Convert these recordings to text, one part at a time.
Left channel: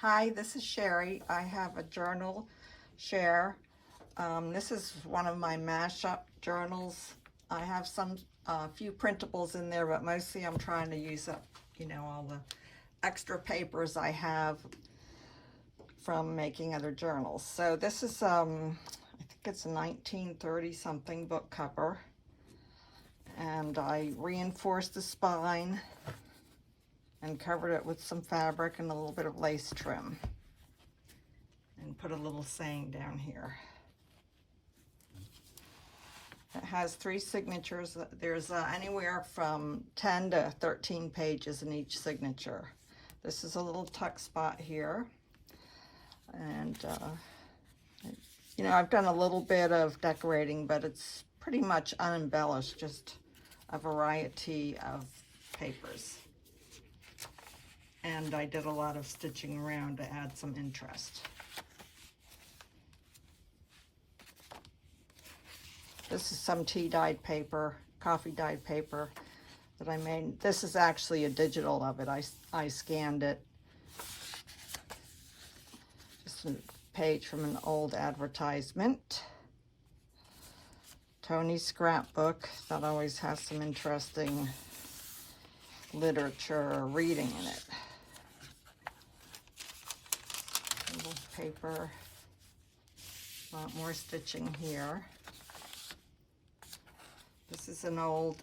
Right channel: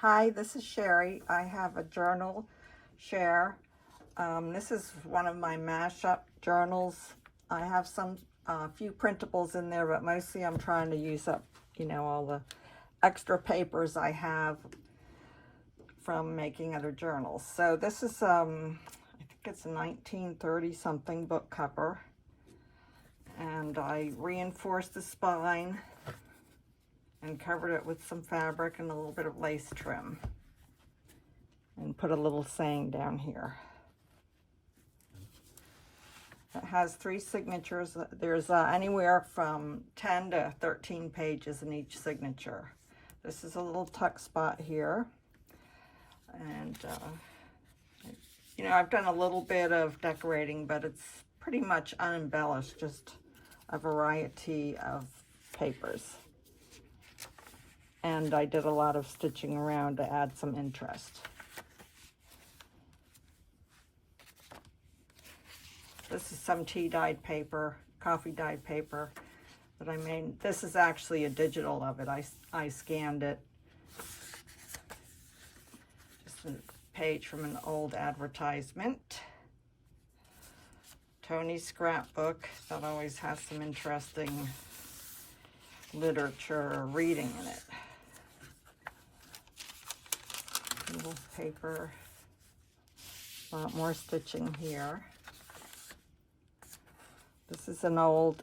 Hi, this is Sherry. I have a journal share. This is one of my mashup journals. I have some few printables in there, but mostly I'm trying to use up, all the extra papers I have from making other journals. So this is, I think it's a 1930 something book cover, and I reinforced the spine and covered it with some fabric and a little bit of lace trim, and put a little saying down here. It has 3 signatures. There's anywhere from 10 to 13 pages in each signature. This is a little tuck spot here, and I've done a little bit of decorating, but it's pretty much unembellished, just a variety of papers. And I did a lot of stitching around to add some interest. This is some tea dyed paper, coffee dyed paper that I made. This is actually a digital of it. I scanned it. Just a page from an old advertisement. Tony's scrapbook that always has some interesting literature or reading in it. Little paper, a lot more stitching here. This is an old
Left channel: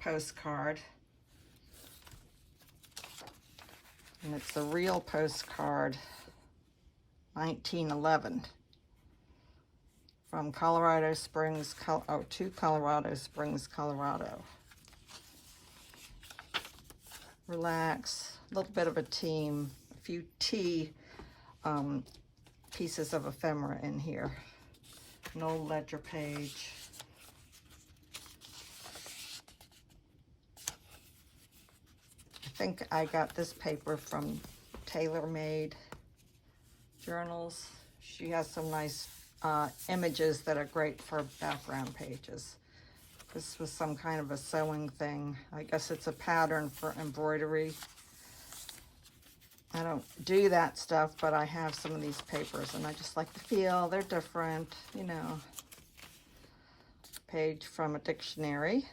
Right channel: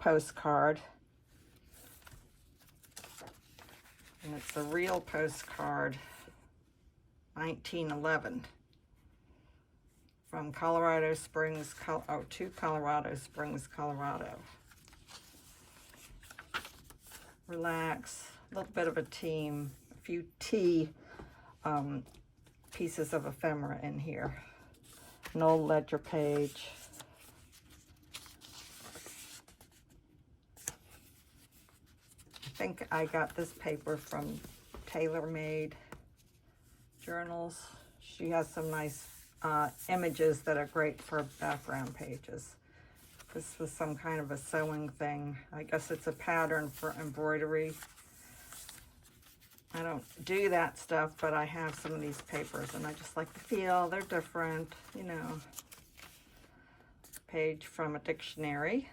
postcard, and it's a real postcard, 1911, from Colorado Springs, to Colorado Springs, Colorado. Relax, a little bit of a team, a few tea pieces of ephemera in here. An old ledger page. I think I got this paper from Tailor Made Journals. She has some nice images that are great for background pages. This was some kind of a sewing thing. I guess it's a pattern for embroidery. I don't do that stuff, but I have some of these papers and I just like the feel. They're different, Page from a dictionary.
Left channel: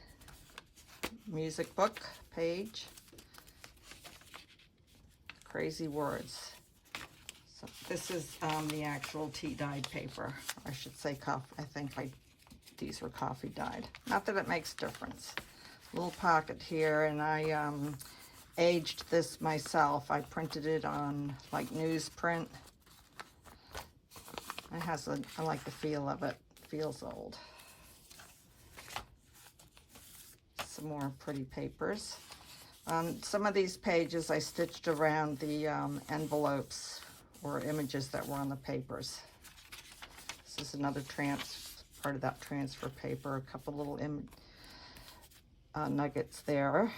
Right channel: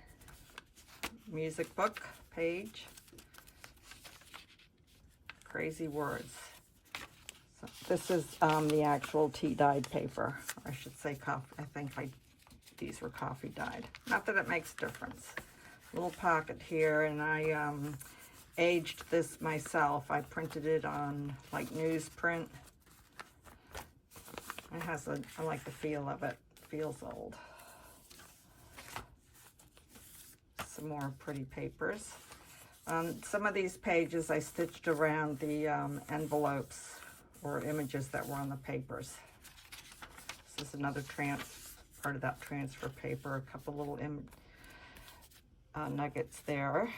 Music book page. Crazy words. So this is the actual tea dyed paper. I should say I think these were coffee dyed. Not that it makes a difference. Little pocket here, and I aged this myself. I printed it on like newsprint. I like the feel of it. Feels old. Some more pretty papers. Some of these pages I stitched around the envelopes or images that were on the papers. This is another part of that transfer paper. A couple little nuggets there,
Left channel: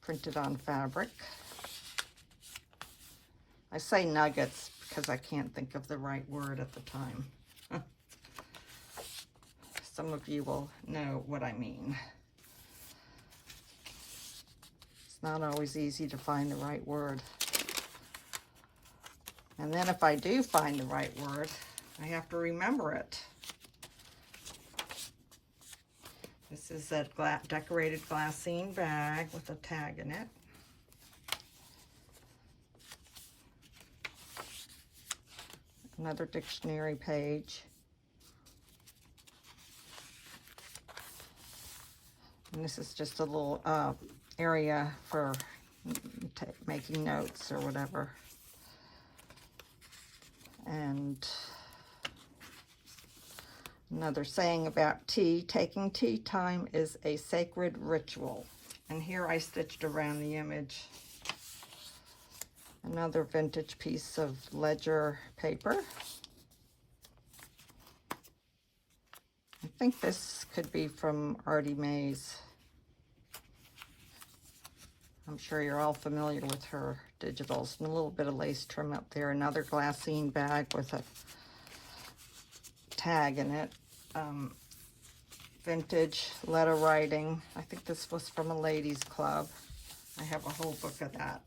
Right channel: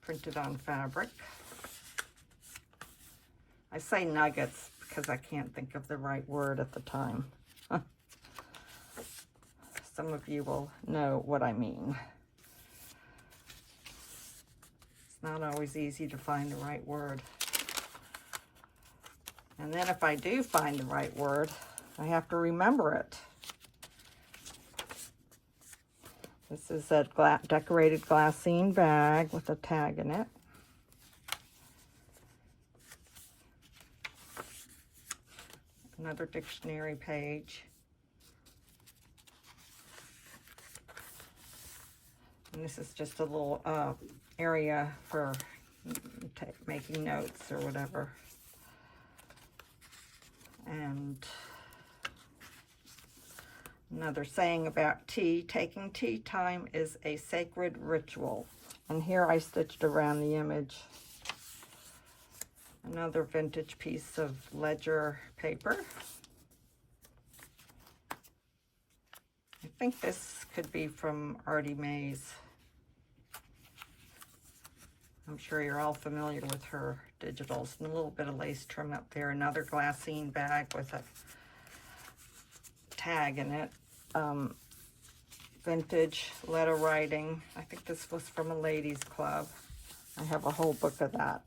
printed on fabric. I say nuggets because I can't think of the right word at the time. Some of you will know what I mean. It's not always easy to find the right word. And then if I do find the right word, I have to remember it. This is a decorated glassine bag with a tag in it. Another dictionary page. And this is just a little area for making notes or whatever. And another saying about tea: taking tea time is a sacred ritual. And here I stitched around the image. Another vintage piece of ledger paper. I think this could be from Artie Mays. I'm sure you're all familiar with her digitals. And a little bit of lace trim up there. Another glassine bag with a tag in it. Vintage letter writing. I think this was from a ladies' club. I have a whole book of that.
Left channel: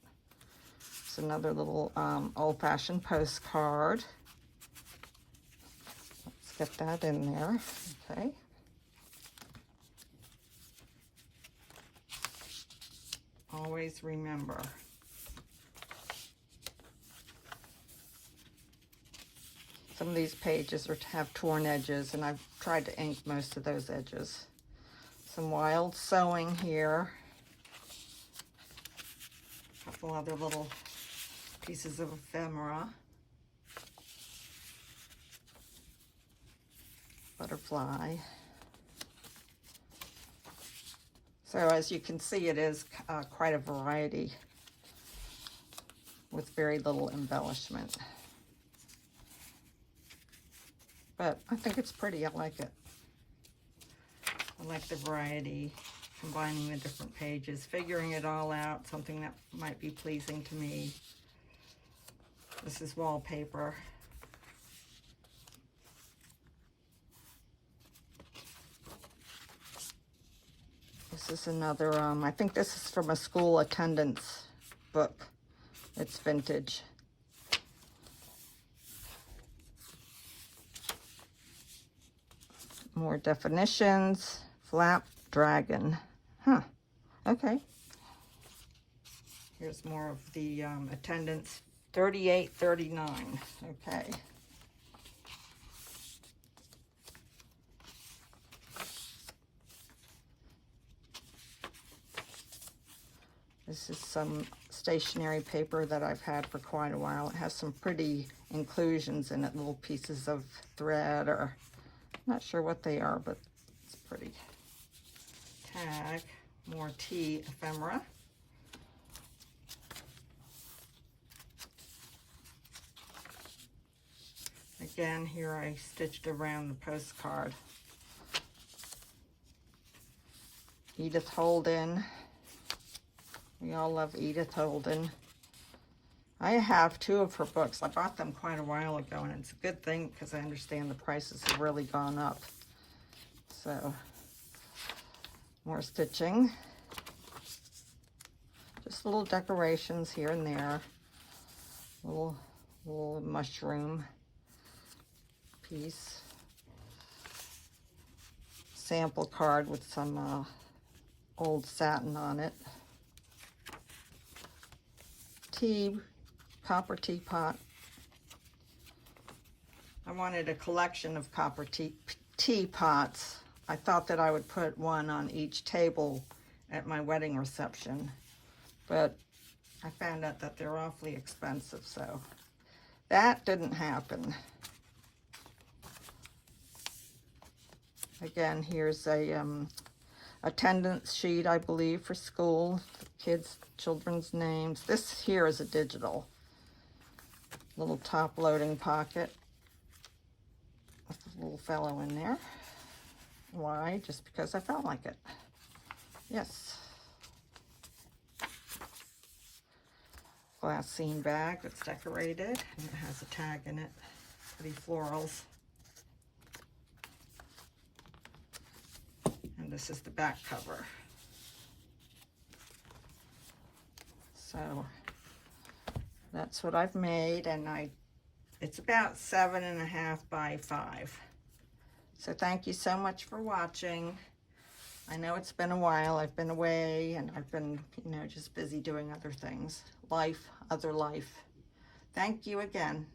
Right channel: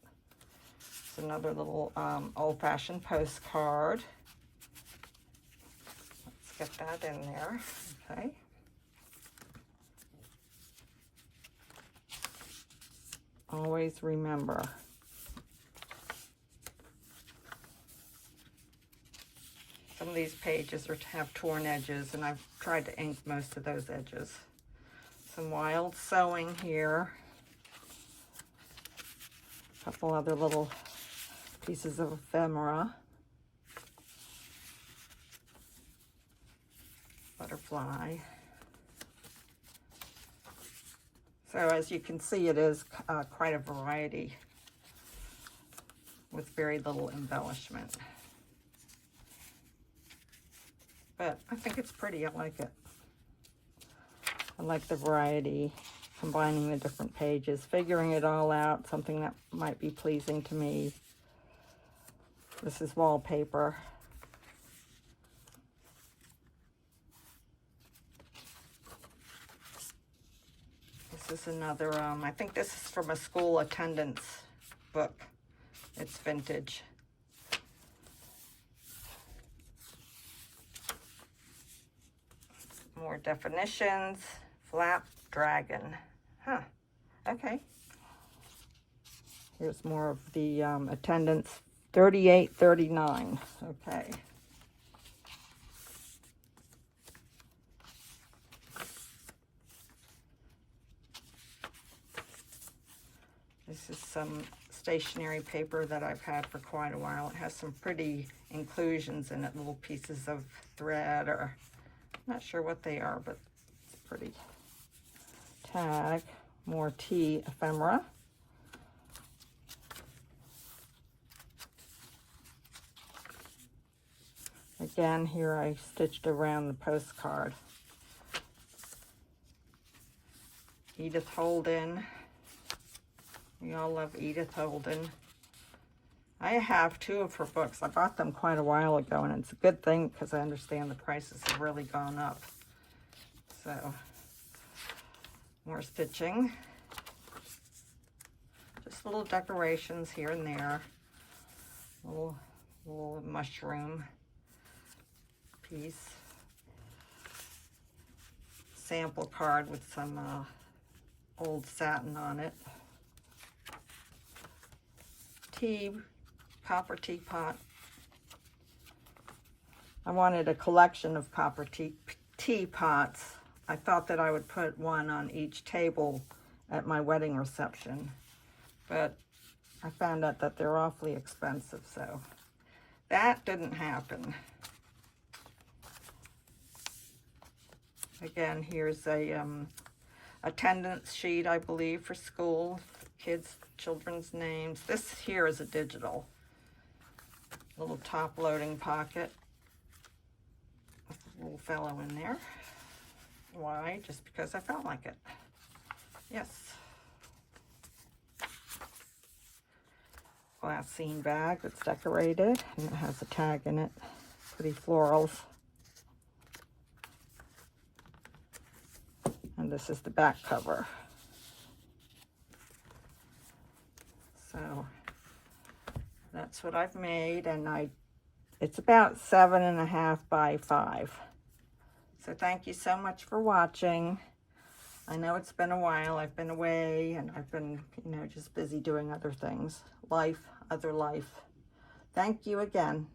Just another little old-fashioned postcard. Let's get that in there. Okay. Always remember. Some of these pages have torn edges, and I've tried to ink most of those edges. Some wild sewing here. A couple other little pieces of ephemera. Butterfly. So as you can see, it is quite a variety with very little embellishment. But I think it's pretty. I like it. I like the variety, combining the different pages, figuring it all out, something that might be pleasing to me. This is wallpaper. This is another, I think this is from a school attendance book. It's vintage. More definitions. Flap dragon. Huh. Okay. Here's more of the attendance. 38.39. Okay. This is some stationery paper that I've had for quite a while. It has some pretty inclusions in it, little pieces of thread, or not sure what they are, but it's pretty. Tag, more tea ephemera. Again, here I stitched around the postcard. Edith Holden. We all love Edith Holden. I have 2 of her books. I bought them quite a while ago, and it's a good thing because I understand the prices have really gone up. So, more stitching. Just little decorations here and there. Little mushroom piece. Sample card with some old satin on it. Copper teapot. I wanted a collection of copper teapots. I thought that I would put one on each table at my wedding reception, but I found out that they're awfully expensive, so that didn't happen. Again, here's a attendance sheet, I believe, for school. Children's names. This here is a digital. Little top loading pocket with a little fellow in there. Why? Just because I felt like it. Yes. Glassine bag that's decorated, and it has a tag in it. Pretty florals. And this is the back cover. So that's what I've made, and it's about 7.5 by 5. So thank you so much for watching. I know it's been a while. I've been away, and I've been, just busy doing other things. Other life. Thank you again.